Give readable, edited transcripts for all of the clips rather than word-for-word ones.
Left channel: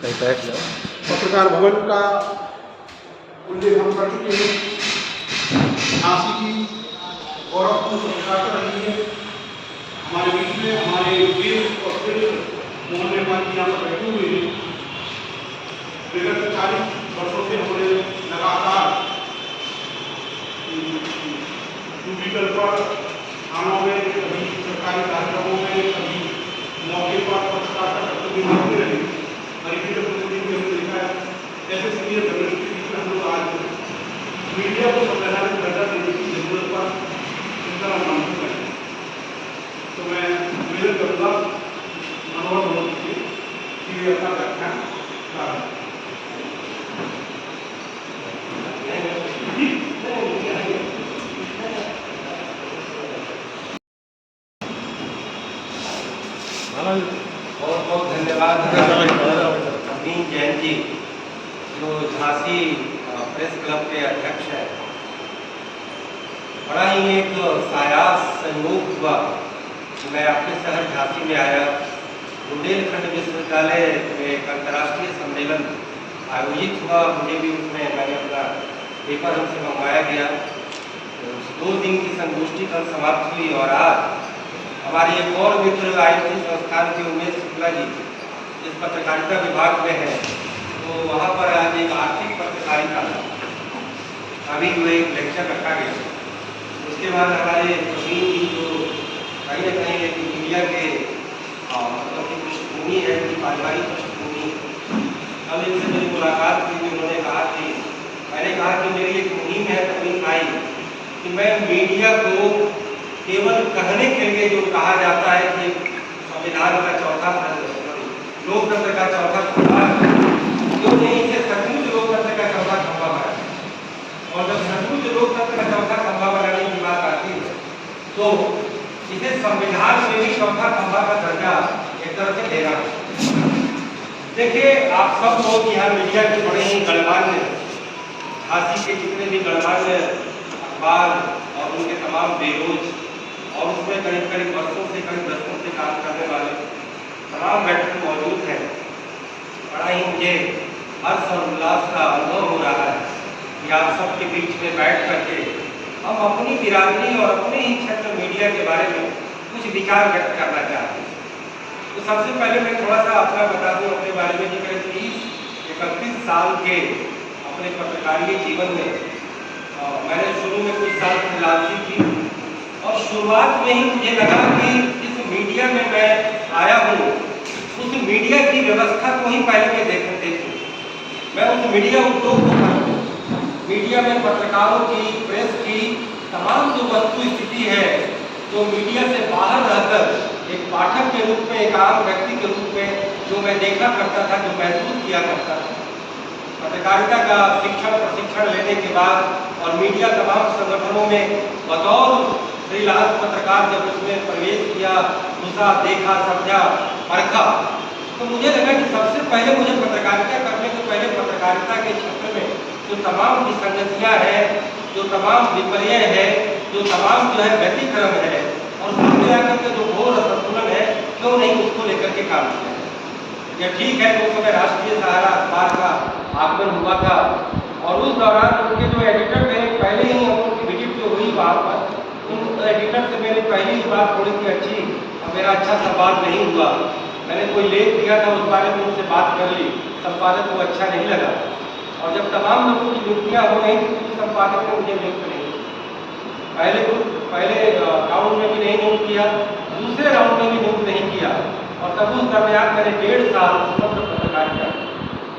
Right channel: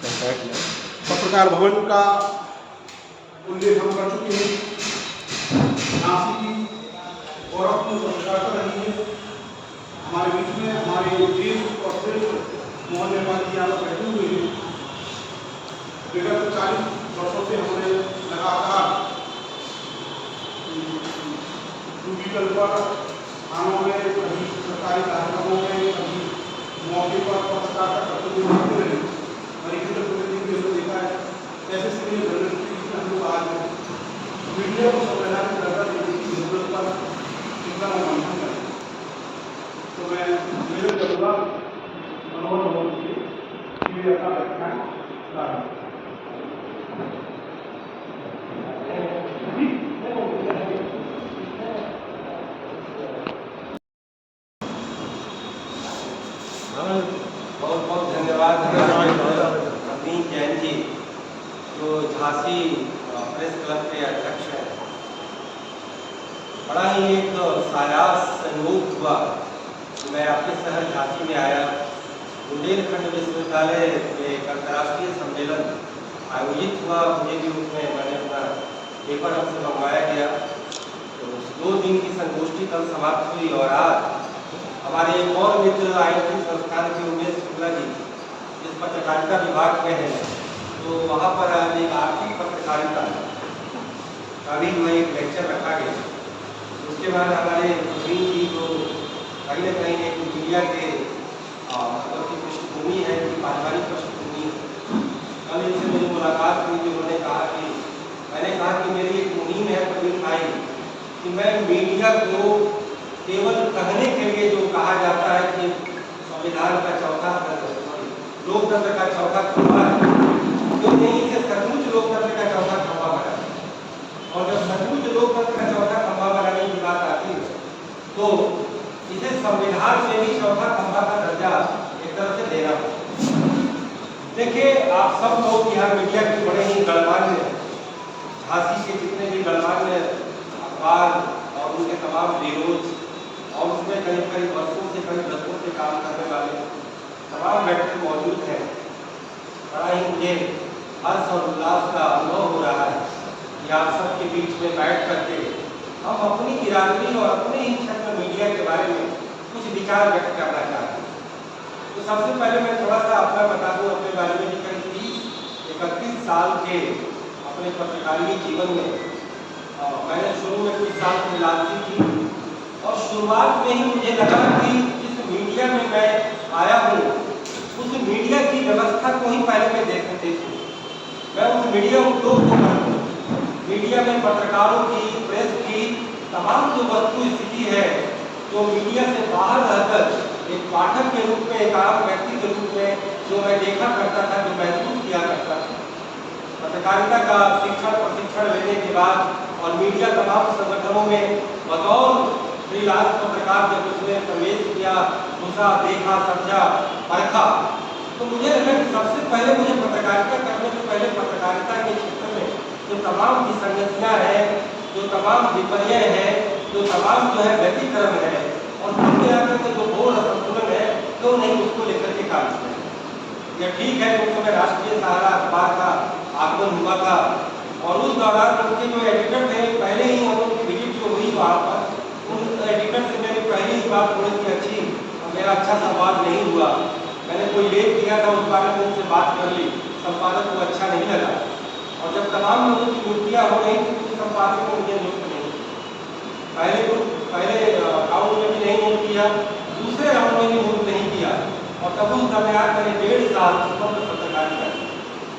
पत्रकार भवन का उल्लेख हम कर चुके हैं। झांसी की गौरवपूर्ण प्रतिष्ठा रही है हमारे बीच में। हमारे देश और देश मोहन नेपाल जी यहाँ पर बैठे हुए हैं। विगत 40 वर्षों से हमने लगातार डिजिटल पर थानों में, कभी सरकारी कार्यक्रमों में, कभी मौके पर पत्रकारिता करते हुए होते रहे। गरीबी के प्रतिनिधि भी हमने देखा है। ऐसे सीनियर जर्नलिस्ट के बीच में हम लोग आज मीडिया को संवैधानिक दर्जा देने की जरूरत पर चिंता मानते हैं। तो मैं निवेदन करूँगा मनोहर मोदी जी कि अपना व्याख्यान प्रारंभ। बहुत बहुत धन्यवाद अमीन जैन जी, जो झांसी प्रेस क्लब के अध्यक्ष हैं। बड़ा ही एक सायास संयोग हुआ कि मैं अपने शहर झांसी में आया। बुंदेलखंड विश्वविद्यालय में एक अंतर्राष्ट्रीय सम्मेलन आयोजित हुआ। मुझे भी उसमें मैंने अपना पेपर हमसे मंगवाया गया। तो 2 दिन की संगोष्ठी कल समाप्त हुई और आज हमारे एक और मित्र IIT संस्थान के उमेश शुक्ला जी जिस पत्रकारिता विभाग में है, तो वहाँ पर आज एक आर्थिक पत्रकारिता अभी जो एक लेक्चर रखा गया। उसके बाद हमारे प्रवीण जी जो कहीं ना कहीं एक मीडिया के मतलब की पृष्ठभूमि है, उनकी पारिवारिक पृष्ठभूमि। कल इनसे मेरी मुलाकात हुई तो उन्होंने कहा कि मैंने कहा कि मेरी एक मुहिम है प्रवीण भाई कि मैं मीडिया को केवल कहने के लिए जो कहा जाता है कि संविधान का चौथा लोकतंत्र का चौथा खंभा है, क्यों नहीं इसे सचमुच लोकतंत्र का चौथा खंभा बनाए। और जब सचमुच लोकतंत्र का चौथा खंभा बनाने की बात आती है तो इसे संविधान में भी चौथा खंभा का दर्जा एक तरह से देना है। देखिए, आप सब लोग यहाँ मीडिया के बड़े ही गणमान्य, झांसी के जितने भी गणमान्य अखबार और उनके तमाम बेरोज और उसमें करीब करीब वर्षों से, करीब दशकों से काम करने वाले तमाम व्यक्ति मौजूद हैं। बड़ा ही मुझे हर्ष और उल्लास का अनुभव हो रहा है कि आप सबके बीच में बैठ करके हम अपनी बिरादरी और अपने ही क्षेत्र मीडिया के बारे में कुछ विचार व्यक्त करना चाहते हैं। तो सबसे पहले मैं थोड़ा सा अपना बता दूँ अपने बारे में कि करीब 30-31 साल के अपने पत्रकारिता जीवन में मैंने शुरू में कुछ साल फ्रीलांसिंग की और शुरुआत में ही मुझे लगा कि जिस मीडिया में मैं आया हूँ उस मीडिया की व्यवस्था को ही पहले मैं देखूँ। मैं उस मीडिया उद्योग को करूँ। मीडिया में पत्रकारों की, प्रेस की तमाम जो वस्तु स्थिति है, जो मीडिया से बाहर रहकर एक पाठक के रूप में, एक आम व्यक्ति के रूप में जो मैं देखा करता था, जो महसूस किया करता था। पत्रकारिता का शिक्षण प्रशिक्षण लेने के बाद और मीडिया तमाम संगठनों में बतौर फ्रीलांस पत्रकार जब उसमें प्रवेश किया, घुसा, देखा, समझा, परखा, तो मुझे लगा कि सबसे पहले मुझे पत्रकारिता करने से पहले पत्रकारिता के क्षेत्र में जो तमाम विसंगतियाँ हैं, जो तमाम विपर्य है, जो तमाम जो है व्यतिक्रम है और कुल मिलाकर के जो घोर असंतुलन है, क्यों नहीं उसको लेकर के काम किया। यह ठीक है, उस समय राष्ट्रीय सहारा अखबार का आगमन हुआ था और उस दौरान उनके जो एडिटर थे, पहले ही हम उनकी विजिट जो हुई वहाँ पर, उन एडिटर से मेरी पहली ही बात थोड़ी सी अच्छी और मेरा अच्छा संवाद नहीं हुआ। मैंने कोई लेख दिया था, उस बारे में उनसे बात कर ली, संपादक को अच्छा नहीं लगा और जब तमाम लोगों की नियुक्तियाँ हो रही थी तो संपादक ने मुझे नियुक्त नहीं किया। पहले राउंड में भी नहीं नियुक्त किया, दूसरे राउंड में भी नियुक्त नहीं किया और तब उस दरमियान मैंने 1.5 साल स्वतंत्र पत्रकारिता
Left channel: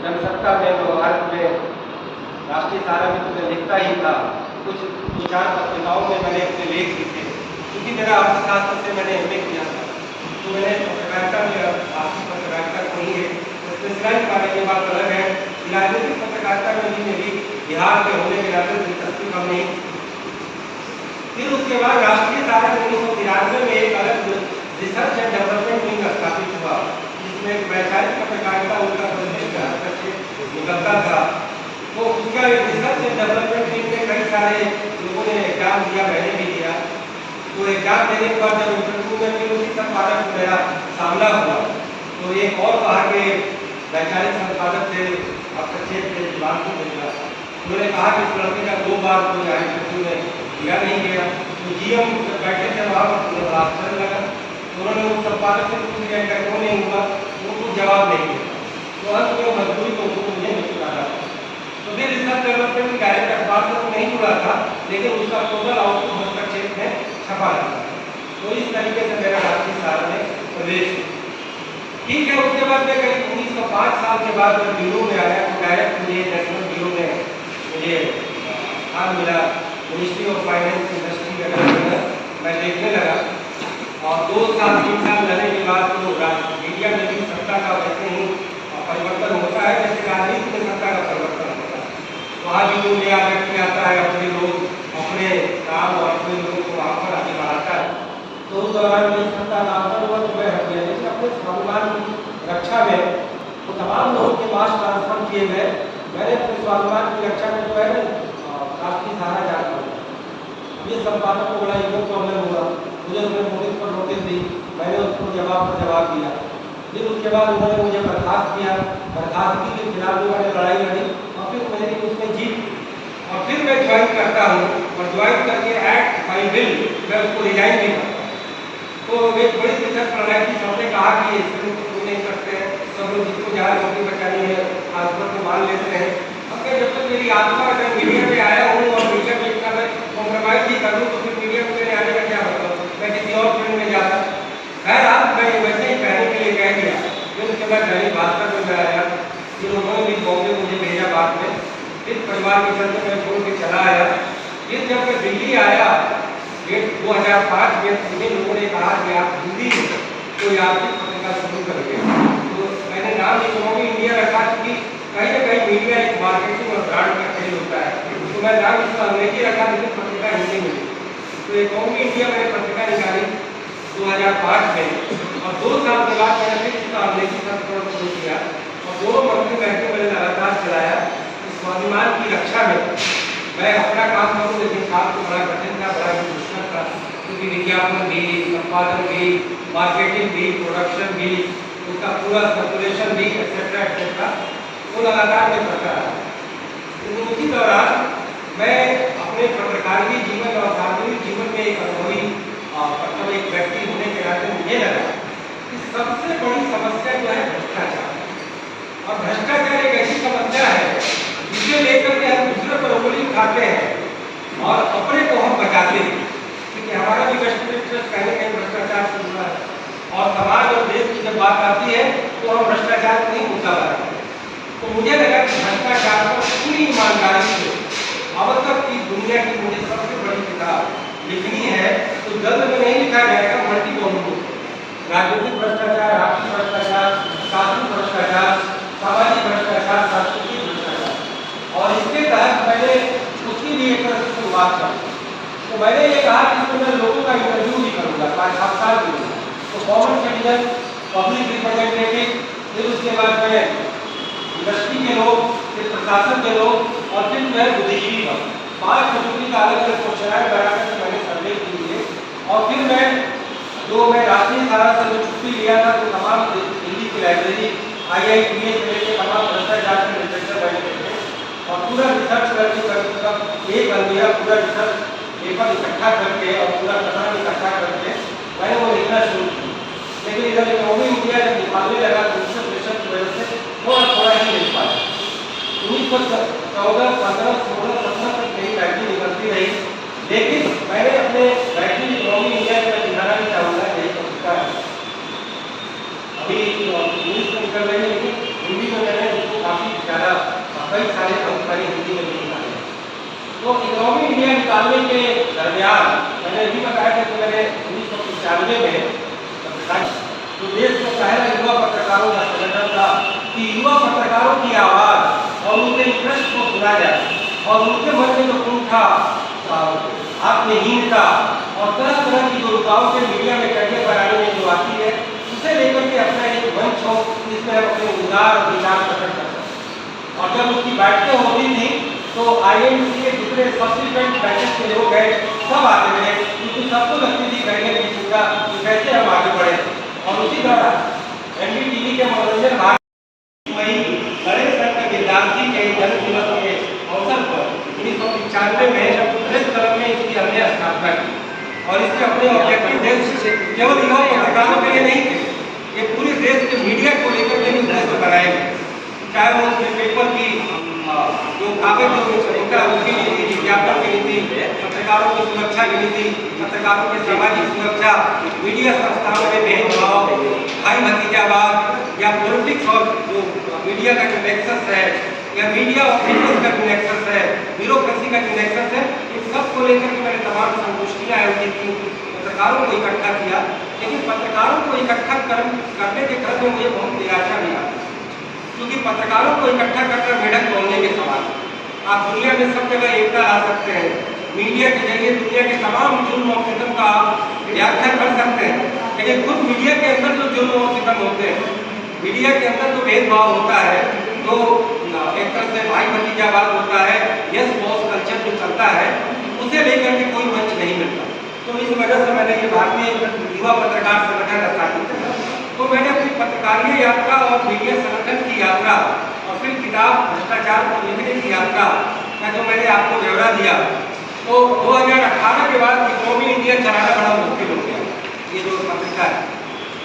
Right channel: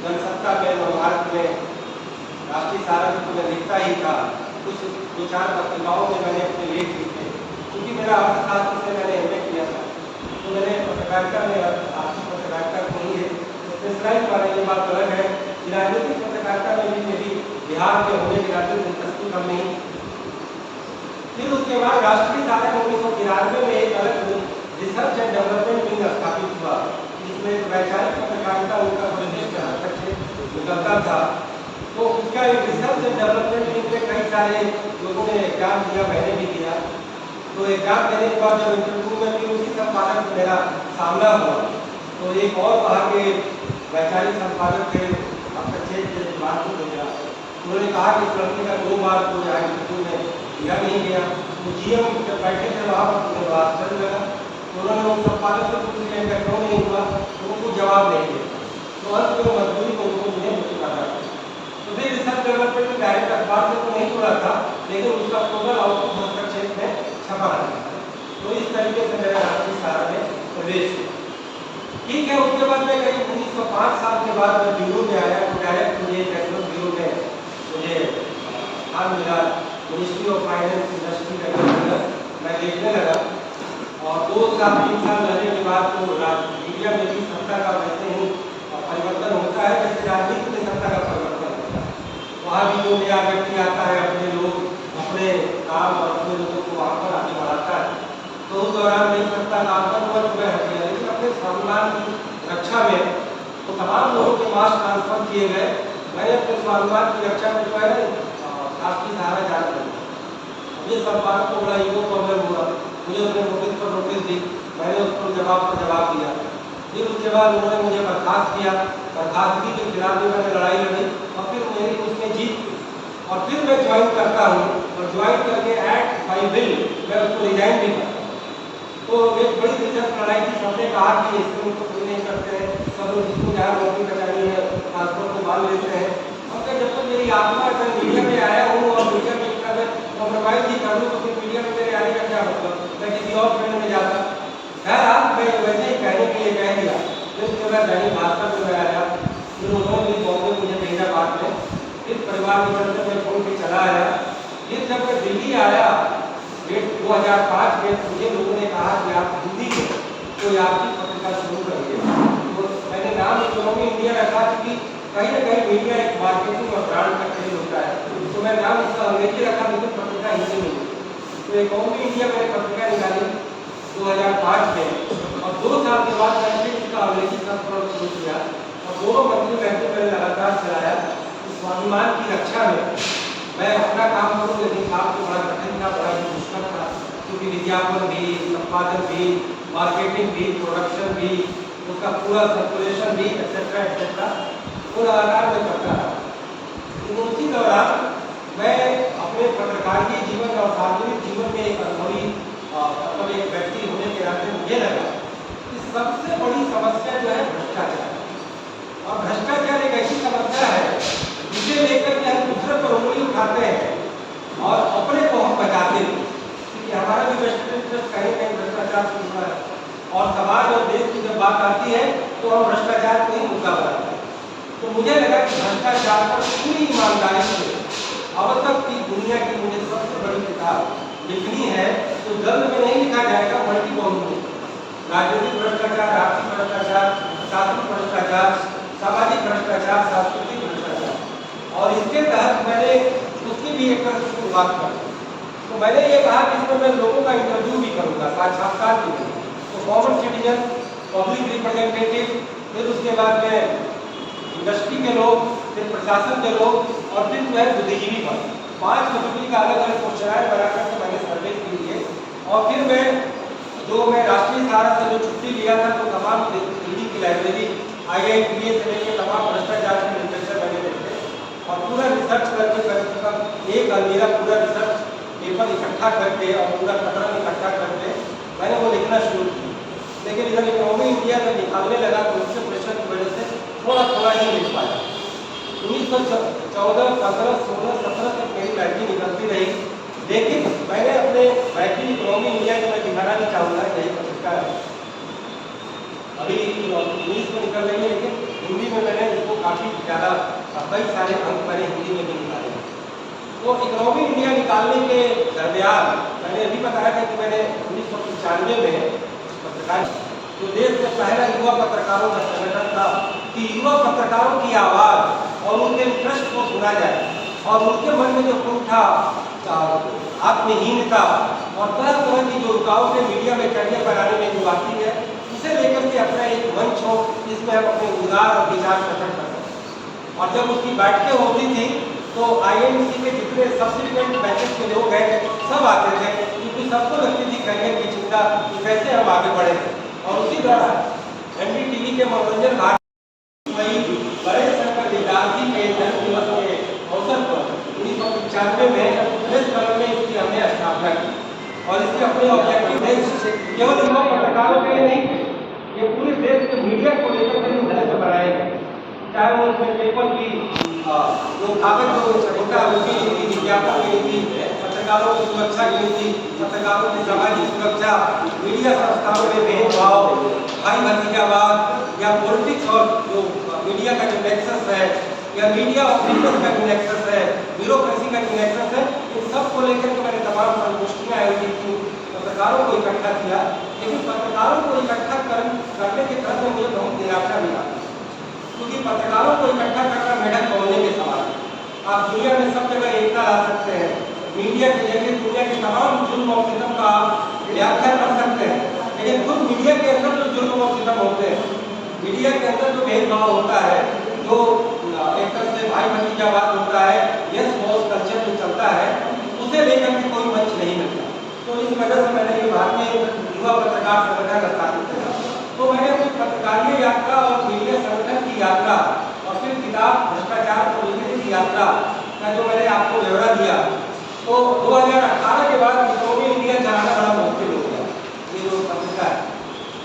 जनसत्ता में, भारत में, राष्ट्रीय सहारा में तो मैं लिखता ही था, कुछ 2-4 पत्रिकाओं में मैंने अपने लेख लिखे। क्योंकि मेरा अर्थशास्त्र से मैंने MA किया था, तो मैंने पत्रकारिता में आर्थिक पत्रकारिता नहीं है, स्पेशलाइज के बारे में बात अलग है। राजनीतिक पत्रकारिता में भी मेरी बिहार के होने के नाते दिलचस्पी कम नहीं। फिर उसके बाद राष्ट्रीय सहारा में 1993 में एक अलग रिसर्च एंड डेवलपमेंट विंग स्थापित हुआ, जिसमें वैचारिक पत्रकारिता उनका प्रतिष्ठा निकलता था। तो उसका रिसर्च एंड डेवलपमेंट विंग में कई सारे लोगों ने एग्जाम दिया, मैंने भी दिया। तो एग्जाम देने के बाद जब इंटरव्यू में फिर उसी संपादक से मेरा सामना हुआ तो एक और कहा कि वैचारिक संपादक थे हस्तक्षेप के बात को भेजा। उन्होंने कहा कि इस लड़के का 2 बार कोई इंटरव्यू में दिया नहीं गया। तो जीएम जब बैठे थे वहाँ पर उन्हें आश्चर्य लगा। तो उन्होंने उन संपादक से पूछ लिया कि क्यों नहीं हुआ, तो उनको जवाब नहीं दिया। तो अंत में मजबूरी को उनको मुझे निकाला। तो फिर रिसर्च डेवलपमेंट डायरेक्ट अखबार से तो नहीं जुड़ा था, लेकिन उसका टोटल आउटपुट हस्तक्षेप में छपा रहता था। तो इस तरीके से मेरा राष्ट्रीय सहारा में प्रवेश। ठीक है, उसके बाद मैं करीब 1905 साल के बाद मैं ब्यूरो में आया तो डायरेक्ट मुझे नेशनल ब्यूरो में मुझे स्थान मिला। मिनिस्ट्री ऑफ फाइनेंस इंडस्ट्री का मैं देखने लगा। और 2 साल 3 साल रहने के बाद तो मीडिया में भी सत्ता का वैसे ही परिवर्तन होता है जैसे राजनीति में सत्ता का परिवर्तन होता है। वहाँ भी जो नया व्यक्ति आता है, अपने लोग अपने काम और अपने लोगों को वहाँ पर आगे बढ़ाता है। तो उस दौरान मेरी सत्ता का आक्रमण हुए हैं, लेकिन अपने स्वाभिमान की रक्षा में तो तमाम लोगों के पास ट्रांसफर किए गए। मैंने अपने स्वाभिमान की रक्षा में पहले राष्ट्रीय सहारा जारी किया। ये संपादक को बड़ा ईगो प्रॉब्लम हुआ, मुझे उसने नोटिस पर नोटिस दी, मैंने उस पर जवाब दिया। फिर उसके बाद उन्होंने मुझे बर्खास्त किया। बर्खास्तगी के खिलाफ भी मैंने लड़ाई लड़ी और फिर मेरी उसमें जीत। और फिर मैं ज्वाइन करता हूँ और ज्वाइन करके एक्ट बाई बिल मैं उसको रिजाइन भी करता हूँ। तो एक बड़ी दिक्कत प्रणाली थी। सबने कहा कि इसमें कुछ नहीं करते हैं, सब लोग जिसको जहाँ नौकरी बचानी है ट्रांसफर को मान लेते हैं। अब क्या जब तक मेरी आत्मा अगर मीडिया में आया हूँ और मीडिया में इतना मैं कॉम्प्रोमाइज ही कर लूँ तो फिर मीडिया में मेरे आने का क्या मतलब, मैं किसी और फील्ड में जाता। बहरहाल मैं वैसे ही कहने के लिए कह दिया। फिर उसके बाद दैनिक भास्कर में मैं आया। फिर उन्होंने भी बॉम्बे मुझे भेजा बाद में। फिर परिवार के घर से मैं छोड़ के चला आया। फिर जब मैं दिल्ली आया 2005 में मुझे लोगों ने कहा कि आप हिंदी में कोई आपकी पत्रिका शुरू करिए। तो मैंने नाम इकोनॉमी इंडिया रखा क्योंकि कहीं ना कहीं मीडिया एक मार्केटिंग और ब्रांड का खेल होता है। तो मैं नाम इसका अंग्रेजी रखा, लेकिन पत्रिका हिंदी में। तो इकोनॉमी इंडिया मैंने पत्रिका निकाली 2005 में और 2 साल के बाद मैंने फिर इसका अंग्रेजी संस्करण शुरू किया और दोनों मंत्री बैठे मैंने लगातार चलाया। स्वाभिमान की रक्षा में मैं अपना काम करूँ, लेकिन काम तो बड़ा कठिन था, बड़ा मुश्किल था, क्योंकि विज्ञापन भी, संपादन भी, मार्केटिंग भी, प्रोडक्शन भी, उसका पूरा सर्कुलेशन भी एक्सेट्रा एक्सेट्रा तो लगातार मैं करता रहा। तो उसी दौरान मैं अपने पत्रकारिता जीवन और सार्वजनिक जीवन में एक अनुभवी मतलब एक व्यक्ति होने के नाते मुझे लगा कि सबसे बड़ी समस्या जो है भ्रष्टाचार। और भ्रष्टाचार एक ऐसी समस्या है जिसे लेकर के हम दूसरे पर उंगली उठाते हैं और अपने को हम बचाते हैं, क्योंकि हमारा भी वेस्ट इंटरेस्ट कहीं कहीं भ्रष्टाचार से जुड़ा है। और समाज और देश की जब बात आती है तो हम भ्रष्टाचार को ही मुद्दा बनाते हैं। तो मुझे लगा कि भ्रष्टाचार पर पूरी ईमानदारी से अब तक की दुनिया की मुझे सबसे बड़ी किताब लिखनी है। तो जल्द में नहीं लिखा जाएगा, मल्टी वॉल्यूम, राजनीतिक भ्रष्टाचार, आर्थिक भ्रष्टाचार, शासनिक भ्रष्टाचार, सामाजिक भ्रष्टाचार, सांस्कृतिक भ्रष्टाचार। और इसके तहत मैंने उसकी भी एक तरह से शुरुआत की। तो मैंने ये कहा कि इसमें मैं लोगों का इंटरव्यू भी करूँगा 5-7 साल के लिए। तो कॉमन सिटीजन, पब्लिक रिप्रेजेंटेटिव, फिर उसके बाद में इंडस्ट्री के लोग, फिर प्रशासन के लोग और फिर जो है बुद्धिजीवी पर 5 कैटेगरी का अलग अलग क्वेश्चन बनाकर मैंने सर्वे किए। और फिर मैं राष्ट्रीय सहारा से जो छुट्टी लिया था तो तमाम दिल्ली की लाइब्रेरी, IITA से लेकर तमाम भ्रष्टाचार के लिटरेचर मैंने और पूरा रिसर्च करके एक अलमीरा पूरा रिसर्च पेपर इकट्ठा करके और पूरा कथन इकट्ठा करके मैंने वो लिखना शुरू किया। लेकिन इधर इकोनॉमी इंडिया जब निकालने लगा तो उससे प्रेशर की वजह से थोड़ा ही मिल पाया। 1914, 15, 16, 17 तक मेरी बैटरी निकलती रही। लेकिन मैंने अपने बैटरी इकोनॉमी इंडिया में दिखाना भी चाहूँगा, यही पत्रिका है अभी इंग्लिश में निकल रही है, लेकिन हिंदी में मैंने उसको काफ़ी ज़्यादा कई सारे अंक मैंने हिंदी में भी निकाले। तो इकोनॉमी इंडिया निकालने के दरमियान मैंने भी बताया था कि मैंने 1995 में पत्रकार तो देश का पहला युवा पत्रकारों का संगठन था कि युवा पत्रकारों की आवाज़ और उनके इंटरेस्ट को सुना जाए और उनके मन में जो कुंठा, आत्महीनता और तरह तरह की जो रुकावटें मीडिया में करियर बनाने में जो आती है, उसे लेकर के अपना एक मंच हो जिसमें हम अपने उदार और विचार प्रकट कर सकते। और जब उसकी बैठकें होती थी तो IMC के जितने सब्सिक्वेंट बैचेस के लोग हैं सब आते थे, क्योंकि सबको लगती थी करियर की चिंता कि कैसे हम आगे बढ़े। और उसी दौरान एनडीटीवी के मनोरंजन भाग वही बड़े संघ के विद्यार्थी के जन्म दिवस के अवसर पर 1995 में प्रेस क्लब में इसकी हमने स्थापना की और इसके अपने ऑब्जेक्टिव केवल युवा पत्रकारों के लिए नहीं थे, ये पूरे देश के मीडिया को लेकर के उद्देश्य बनाए गए, चाहे वो उसमें पेपर की जो कागज जो होता है उसकी नीति, विज्ञापन की नीति, पत्रकारों की सुरक्षा की नीति, पत्रकारों की सामाजिक सुरक्षा, मीडिया संस्थानों में भेदभाव, भाई भतीजावाद या पॉलिटिक्स और जो मीडिया का जो नेक्सस है या मीडिया और बिजनेस का जो नेक्सस है, ब्यूरोक्रेसी का जो नेक्सस है, इन सब को लेकर के मैंने तमाम संगोष्ठियाँ आयोजित की, पत्रकारों को इकट्ठा किया। लेकिन पत्रकारों को इकट्ठा करने के क्रम में मुझे बहुत निराशा भी आई, क्योंकि पत्रकारों को इकट्ठा करना मेढक तोड़ने के समान। आप दुनिया में सब जगह एकता ला सकते हैं, मीडिया के जरिए दुनिया के तमाम जुल्म और सितम का व्याख्या कर सकते हैं, लेकिन खुद मीडिया के अंदर जो जुल्म और सितम होते हैं, मीडिया के अंदर जो भेदभाव होता है, जो एक तरह से भाई भतीजावाद होता है, यस बॉस कल्चर जो चलता है, उसे लेकर के कोई मंच नहीं मिलता। तो इस वजह से मैंने ये भारतीय युवा पत्रकार संगठन स्थापित किया। तो मैंने अपनी पत्रकारीय यात्रा और मीडिया संगठन की यात्रा और फिर किताब भ्रष्टाचार को लिखने की यात्रा का जो मैंने आपको ब्यौरा दिया, तो 2018 के बाद इकोनॉमी इंडिया चलाना बड़ा मुश्किल हो गया। ये जो पत्रिका है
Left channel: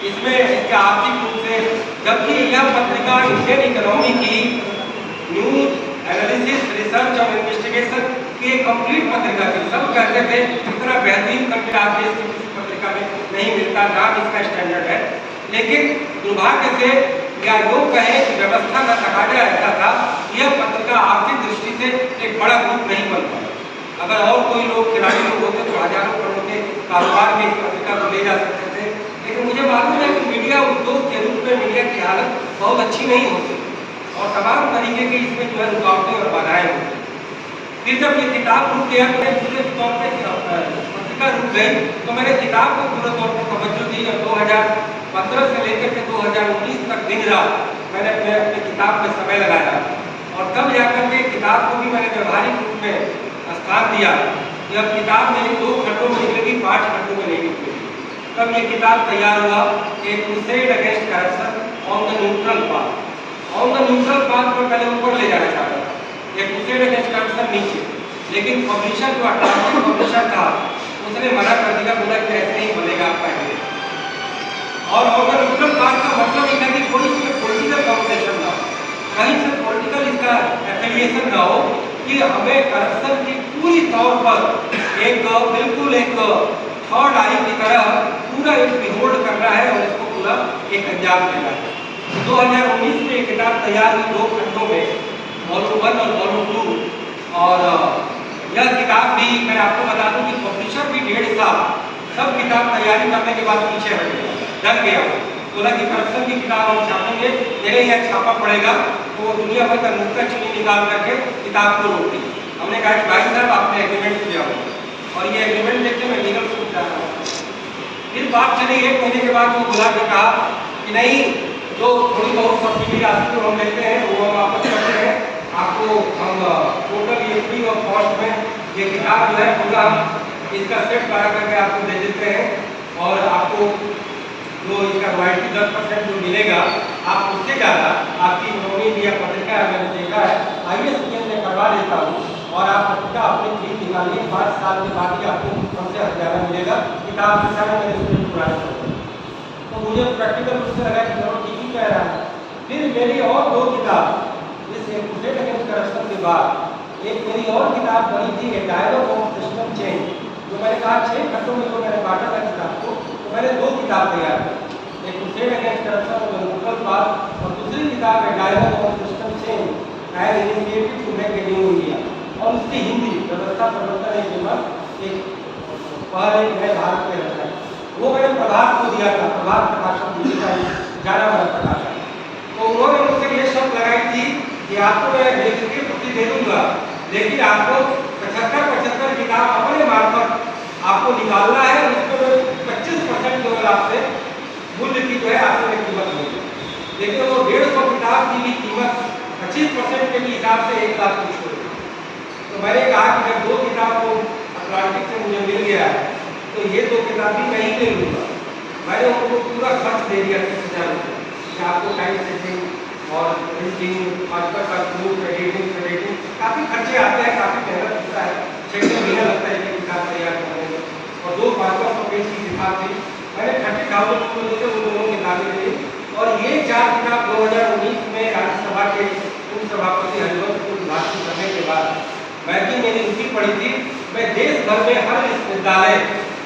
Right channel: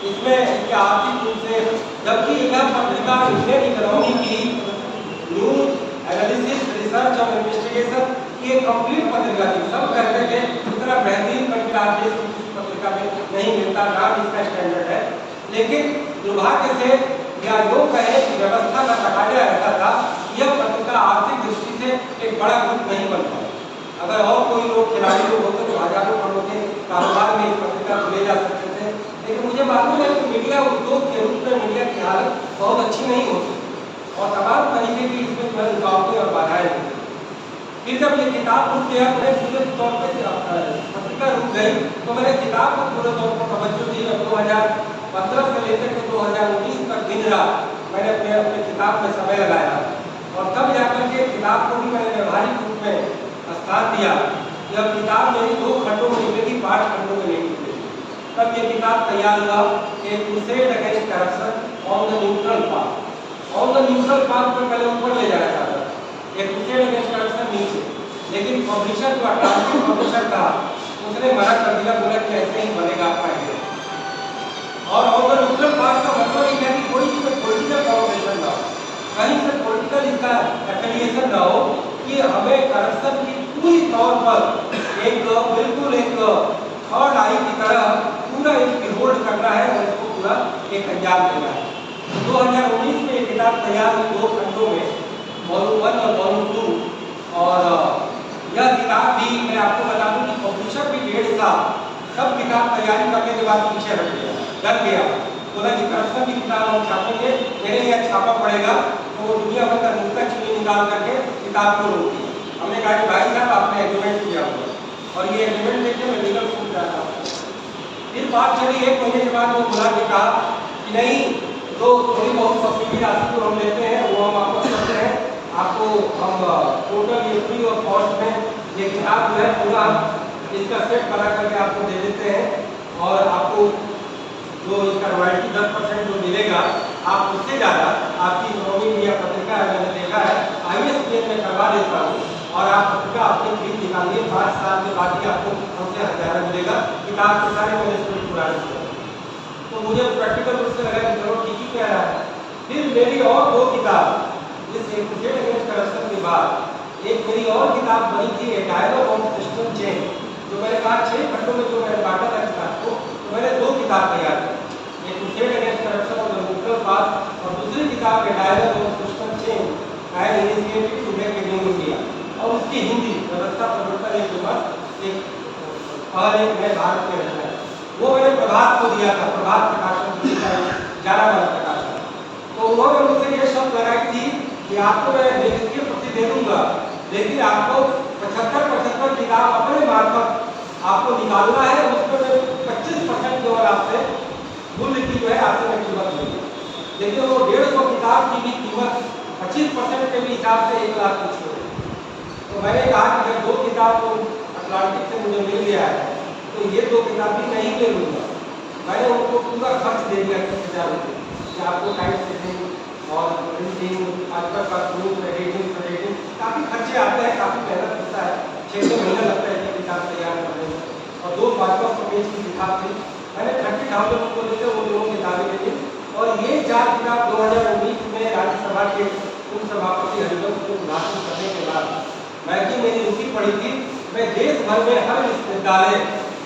इसमें इसके आर्थिक रूप से, जबकि यह पत्रिका इंडियन इकोनॉमी की न्यूज एनालिसिस रिसर्च और इन्वेस्टिगेशन की एक कंप्लीट पत्रिका थी। सब कहते थे इतना बेहतरीन कंटेंट आज देश की किसी पत्रिका में नहीं मिलता, नाम इसका स्टैंडर्ड है। लेकिन दुर्भाग्य से या योग कहे कि व्यवस्था का तकाजा ऐसा था, यह पत्रिका आर्थिक दृष्टि से एक बड़ा ग्रुप नहीं बन पाया। अगर और कोई लोग खिलाड़ी लोग होते तो हजारों करोड़ के कारोबार में इस पत्रिका को ले जा सकते थे, लेकिन मुझे मालूम है कि मीडिया उद्योग के रूप में मीडिया की हालत बहुत अच्छी नहीं होती और तमाम तरीके की इसमें जो है रुकावटें और बाधाएं होती। फिर जब ये किताब रुक गया तो पूरे तौर पर पत्रिका रुक गई, तो मैंने किताब को पूरे तौर पर तवज्जो दी और 2015 से लेकर के 2019 तक दिन रात मैंने अपने किताब में समय लगाया और तब जाकर के किताब को भी मैंने व्यवहारिक रूप में स्थान दिया कि अब किताब मेरी 2 खंडों में निकलेगी, 5 खंडों में नहीं निकलेगी। तब ये किताब तैयार हुआ, एक crusade against corruption on the neutral path. On the neutral path में पहले ऊपर ले जाना चाहता था, एक क्रूसेड अगेंस्ट करप्शन नीचे, लेकिन पब्लिशर जो अटलांटिक पब्लिशर था उसने मना कर दिया, बोला कि ऐसे नहीं बनेगा आपका आइडिया। और ऑन द न्यूट्रल पाथ का मतलब ये है कि कोई इसमें पॉलिटिकल कॉम्पिटिशन ना हो, कहीं से पॉलिटिकल इसका एफिलिएशन ना हो, कि हमें करप्शन की पूरी तौर पर एक बिल्कुल एक थर्ड आई की तरह पूरा एक बिहोल्ड करना है और इसको पूरा एक अंजाम देना है। 2019 में एक किताब तैयार हुई 2 खंडों में, वॉल्यूम 1 और वॉल्यूम 2। और यह किताब भी मैं आपको बता दूं कि पब्लिशर भी 1.5 साल सब किताब तैयारी करने के बाद पीछे हट गया, डर गया, बोला कि करप्शन की किताब हम छापेंगे, मेरे यहाँ छापा पड़ेगा, तो दुनिया भर का नुक्ता चीनी निकाल करके किताब को रोक दी। हमने कहा कि भाई साहब आपने एग्रीमेंट किया हो और ये एग्रीमेंट लेके मैं लीगल सूट जा रहा हूँ। फिर बात चली, 1 महीने के बाद वो बुला के कहा कि नहीं, जो थोड़ी बहुत सब्सिडी राशि जो हम लेते हैं वो हम वापस करते हैं, आपको हम टोटल ये फ्री ऑफ कॉस्ट में ये किताब जो है पूरा हम इसका सेट करा करके आपको दे देते हैं और आपको जो इसका रॉयल्टी 10% जो मिलेगा, आप उससे ज़्यादा आपकी इकोनॉमी इंडिया पत्रिका है, मैंने देखा है ISBN में करवा देता हूँ और आप पत्रिका अपनी फीस निकालिए, 5 साल के बाद ही आपको हमसे हज़ारा मिलेगा। किताब के सारे मैंने इसमें पूरा तो मुझे प्रैक्टिकल रूप से लगा कि चलो ठीक ही कह रहा है। फिर मेरी और 2 किताब इस क्रूसेड अगेंस्ट करप्शन के बाद एक मेरी और किताब बनी थी, ए डायलॉग ऑन सिस्टम चेंज, जो मैंने कहा 6 खंडों में जो मैंने बांटा था किताब को, तो मैंने 2 किताब तैयार की, एक क्रूसेड अगेंस्ट करप्शन और न्यूट्रल पाथ और दूसरी किताब a dialogue on system change and initiative to make a new India, और उसकी हिंदी व्यवस्था परिवर्तन एक विमर्श एक पहल एक नए भारत के रचना, वो मैंने प्रभात को दिया था, प्रभात प्रकाशन दिल्ली का जाना हुआ प्रकाशन। तो उन्होंने मुझसे ये शर्त लगाई थी कि आपको मैं लेखकीय प्रति दे दूंगा, लेकिन आपको 75 किताब अपने मार्फत आपको निकालना है और उसको 25% केवल आपसे मूल्य की जो है आपसे मैं कीमत लूँगी। लेकिन वो 150 किताब की भी कीमत 25% के हिसाब से 1 लाख कुछ हो। तो मैंने कहा कि जब 2 किताब को अटलांटिक से मुझे मिल गया है तो ये 2 किताब भी नहीं ले लूँगा। मैंने उनको पूरा खर्च दे दिया 30,000 रुपये कि आपको टाइम सेटिंग और प्रिंटिंग, आजकल का प्रूफ एडिटिंग काफ़ी खर्चे आते हैं, काफ़ी मेहनत लगता है, 6 महीना लगता है कि किताब तैयार करने में। और 200 पेज की किताब थी, मैंने 30,000 को देखे उन दोनों किताबें के लिए। और ये 4 किताब 2019 में राज्यसभा के उप सभापति हरिवंश को उद्घाटन करने के बाद मैं भी मेरी रुचि पड़ी थी। मैं देश भर में हर विश्वविद्यालय,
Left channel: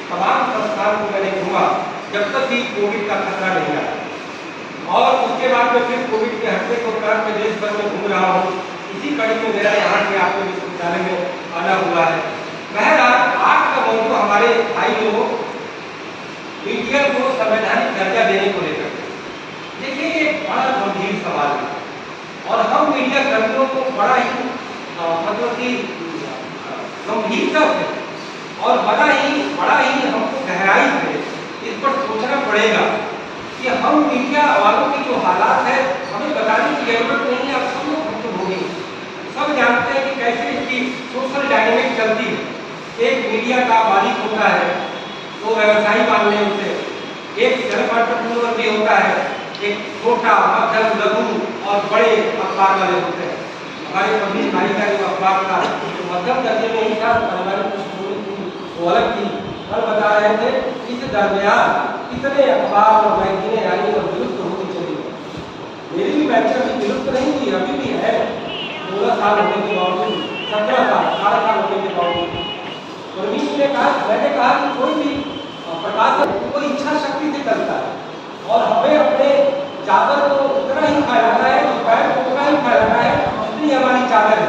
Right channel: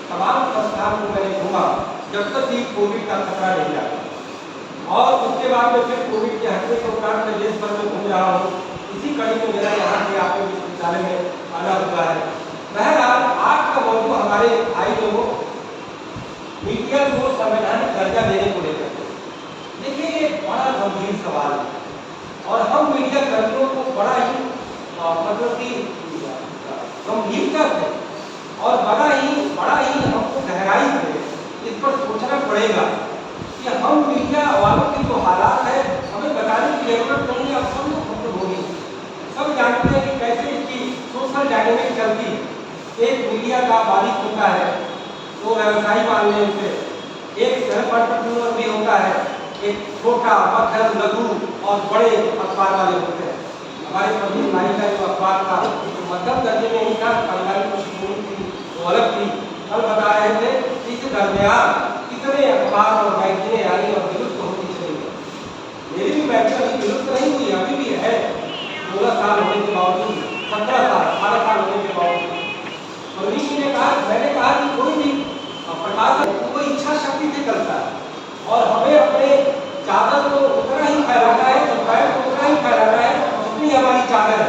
तमाम संस्थान को मैंने घूमा जब तक भी कोविड का खतरा नहीं आया। और उसके बाद में फिर कोविड के हटने के उपरांत मैं देश भर में घूम रहा हूँ। इसी कड़ी में मेरा यहाँ के आपके विश्वविद्यालय में आना हुआ है। बहरहाल आज का मौजूद हमारे भाई लोगों मीडिया को संवैधानिक दर्जा देने को लेकर, देखिए ये बड़ा गंभीर सवाल है और हम मीडिया कर्मियों को बड़ा ही मतलब कि गंभीरता से और बड़ा ही हमको गहराई से इस पर सोचना पड़ेगा कि हम मीडिया वालों की जो हालात है हमें बताने की जरूरत नहीं है। अब सब लोग हमको होगी, सब जानते हैं कि कैसे इसकी सोशल डायनेमिक चलती है। एक मीडिया का मालिक होता है, तो व्यवसायी मान लें उसे, एक सेल्फ एंटरप्रेन्योर भी होता है, एक छोटा मध्यम लघु और बड़े अखबार वाले होते हैं। हमारे पब्लिक भाई का जो अखबार था तो मध्यम दर्जे में ही था, हमारी कुछ थी वो अलग थी। कल बता रहे थे इस दरमियान कितने अखबार और मैगजीनें आई और विलुप्त होती चली गई। मेरी भी मैगजीन अभी विलुप्त नहीं हुई, अभी भी है, 16 साल होने के बावजूद, 17 साल 18 साल होने के बावजूद। मैंने कहा कि कोई भी प्रकाशन कोई इच्छा शक्ति से करता है और हमें अपने चादर को उतना ही फैलाना है, पैर को उतना ही फैलाना है जितनी हमारी चादर है।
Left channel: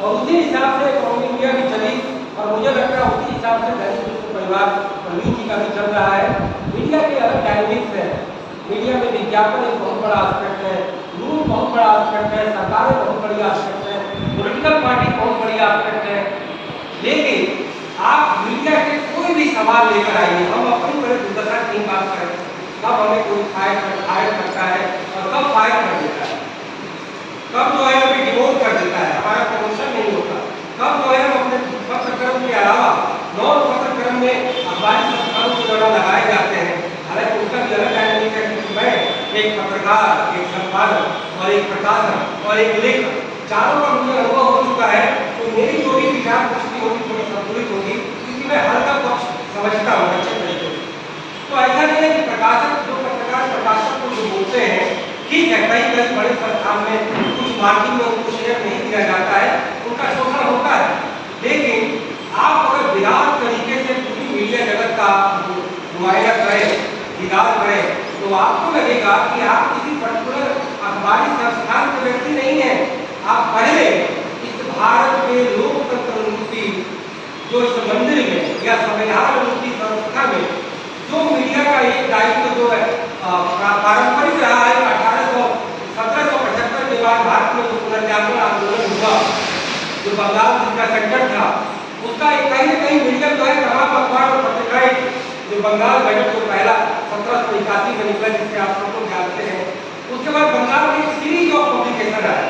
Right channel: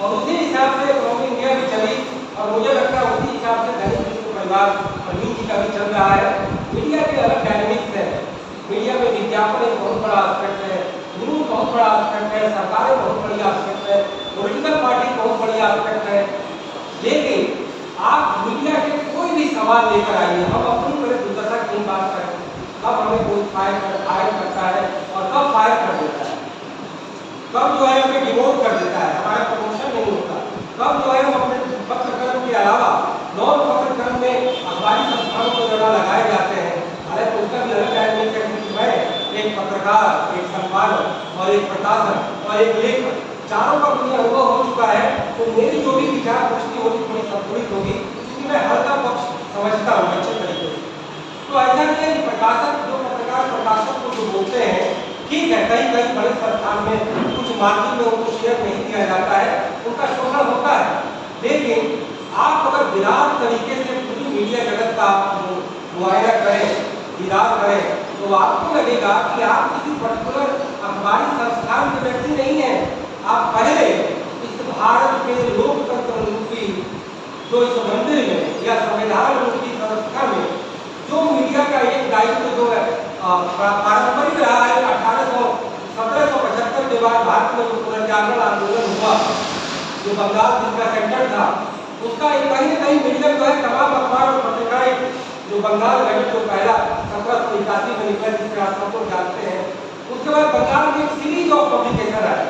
और उसी हिसाब से इंडिया भी चली और मुझे लगता है उसी हिसाब से दैनिक हिंदू परिवार प्रवीण जी का भी चल रहा है। मीडिया के अलग डायनेमिक्स है, मीडिया में विज्ञापन एक बहुत बड़ा एस्पेक्ट है, न्यूज बहुत बड़ा एस्पेक्ट है, सरकारें बहुत बड़ी एस्पेक्ट है, पॉलिटिकल पार्टी बहुत बड़ी एस्पेक्ट है। लेकिन आप मीडिया के कोई भी सवाल लेकर आइए, हम अपनी बड़े दुर्दशा की बात करें, कब हमें कोई फायर करता है और कब फायर कर देता है, कब जो है हमें डिमोट कर देता है, हमारा प्रमोशन नहीं होता, कब जो है हम अपने पत्रकर्म के अलावा नॉन पत्रकर्म में अखबारी संस्थानों को जोड़ा लगाए जाते हैं। हालांकि उनका भी अलग डायनेमिक है, क्योंकि मैं एक पत्रकार, एक संपादक और एक प्रकाशक और एक लेखक, चारों का मुझे अनुभव हो चुका है। तो मेरी जो भी विचार पुष्टि होगी थोड़ी संतुलित होगी, क्योंकि मैं हर का पक्ष समझता हूँ अच्छे तरीके से। तो ऐसा नहीं है कि प्रकाशक जो पत्रकार प्रकाशक को जो बोलते हैं, ठीक है, कई कई बड़े संस्थान में कुछ मार्जिन में उनको शेयर नहीं दिया जाता है, उनका शोषण होता है। लेकिन आप अगर विराट तरीके से पूरी मीडिया जगत का मुआयना करें, दीदार करें, तो आपको लगेगा कि आप किसी पर्टिकुलर अखबारी संस्थान के व्यक्ति नहीं है। आप पहले इस भारत में लोकतंत्र मूर्ति जो इस मंदिर में या संविधान मूर्ति संस्था में जो मीडिया का एक दायित्व जो है पारंपरिक रहा है, 1775 के बाद भारत में जो पुनर्जागरण आंदोलन हुआ, जो बंगाल जिसका सेंटर था, उसका एक कहीं न कहीं मीडिया जो है तमाम अखबार और पत्रिकाएं जो बंगाल गठन जो पहला 1781 में निकला, जिसके आप सबको जानते हैं, उसके बाद बंगाल में एक सीरीज ऑफ पब्लिकेशन आया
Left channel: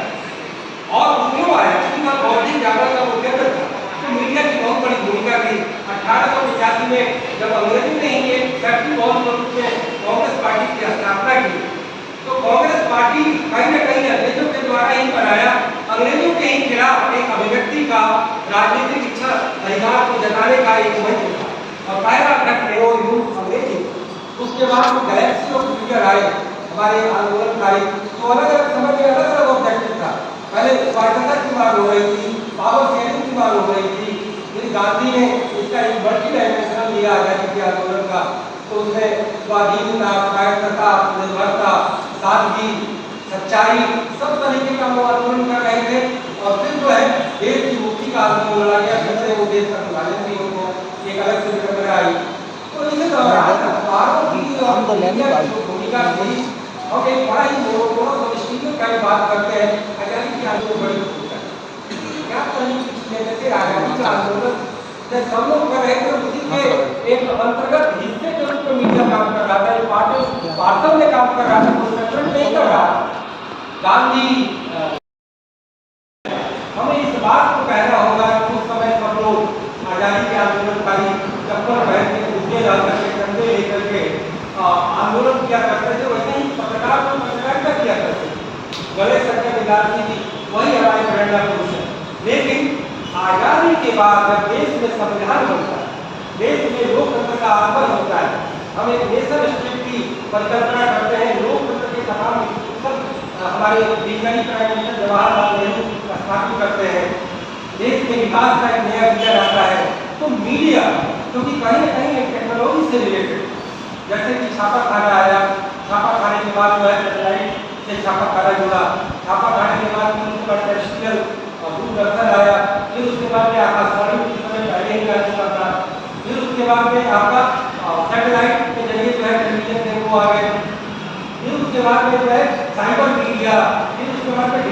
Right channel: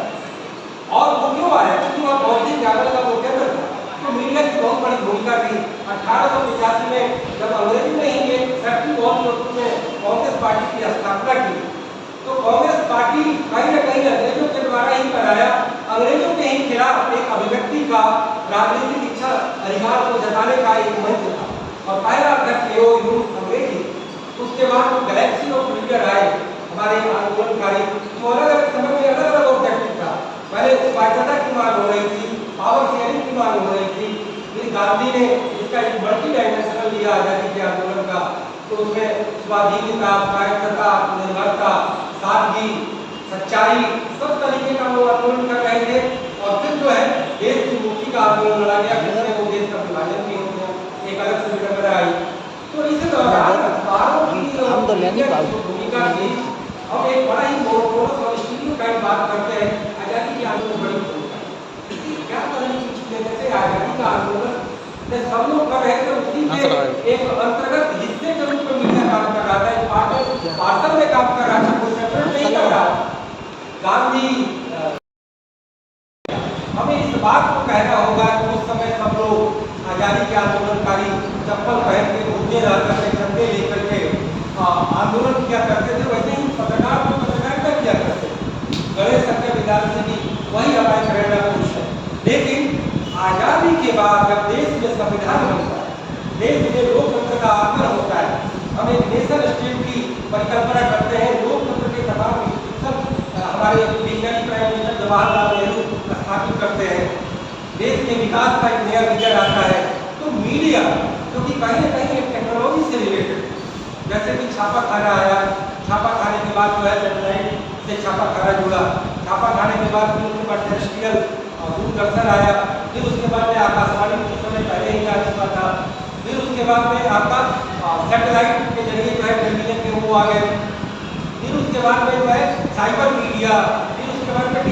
और वो क्यों आया, क्योंकि वहाँ बौद्धिक जागरण का वो केंद्र था। तो मीडिया की बहुत बड़ी भूमिका थी। 1885 में जब अंग्रेजों ने ही एक फैक्ट्री बॉम्ब के रूप में कांग्रेस पार्टी की स्थापना की, तो कांग्रेस पार्टी कहीं न कहीं अंग्रेजों के द्वारा ही बनाया, अंग्रेजों के ही खिलाफ एक अभिव्यक्ति का राजनीतिक इच्छा अधिकार को जताने का एक मंच था और पहला अध्यक्ष थे वो यूथ अंग्रेजी। उसके बाद वो गैलेक्सी ऑफ लीडर आए हमारे आंदोलनकारी, तो अलग अलग समय में अलग अलग ऑब्जेक्टिव था। पहले स्वायत्तता की मांग हो रही थी, पावर शेयरिंग की मांग हो रही थी, फिर गांधी ने इसका एक मल्टी डायमेंशनल दिया आजादी के आंदोलन का, तो उसमें स्वाधीनता, स्वायत्तता, निर्भरता, सादगी, सच्चाई, सब तरीके का वो आंदोलन कर रहे थे। और फिर जो है देश की मुक्ति का आंदोलन लड़ा गया, जिससे वो देश का विभाजन भी उनको एक अलग से विडंबना आई। तो इसी दौरान अखबारों की भूमिका हुई। हम एक बड़ा ही मोनोपोलिस्टिक का बात करते हैं, आजादी के आंदोलन बड़ी भूमिका है। क्या करनी चाहिए, जैसे आजादी का आंदोलन सब लोग कर रहे थे, उसी के एक अंतर्गत हिस्से के रूप में मीडिया काम कर रहा था, पार्सल में काम कर रहा था, कोई सेपरेट नहीं कर रहा। गांधी, हमें इस बात को कहना होगा कि उस समय सब लोग आजादी के आंदोलनकारी चप्पल पहन के कुर्ते डाल करके, झंडे लेकर के आंदोलन किया करते थे। वैसे ही पत्रकार सकते हैं विद्यार्थी की वही हमारे प्रेरणा पुरुष है। लेकिन आज़ादी के बाद जब देश में संविधान बनता है, देश में लोकतंत्र का आगमन होता है, हम एक नेशन स्टेट की परिकल्पना करते हैं, लोकतंत्र के तमाम इंस्टीट्यूशन हमारे वैज्ञानिक प्राइम मिनिस्टर जवाहरलाल नेहरू स्थापित करते हैं, देश के विकास का एक नया विजन आता है, तो मीडिया क्योंकि कहीं ना कहीं एक टेक्नोलॉजी से रिलेटेड, जैसे कि छापा खाना आया, छापा खाने के बाद जो है सैटेलाइट से छापा खाना जुड़ा, छापा खाने के बाद फिर उसके बाद टेरेस्ट्रियल और दूरदर्शन आया, फिर उसके बाद में आकाशवाणी कुछ समय पहले ही आ चुका था, फिर उसके बाद में आपका सैटेलाइट के जरिए जो है टेलीविजन के वो आ गए, फिर उसके बाद में जो है साइबर मीडिया, फिर उसके बाद में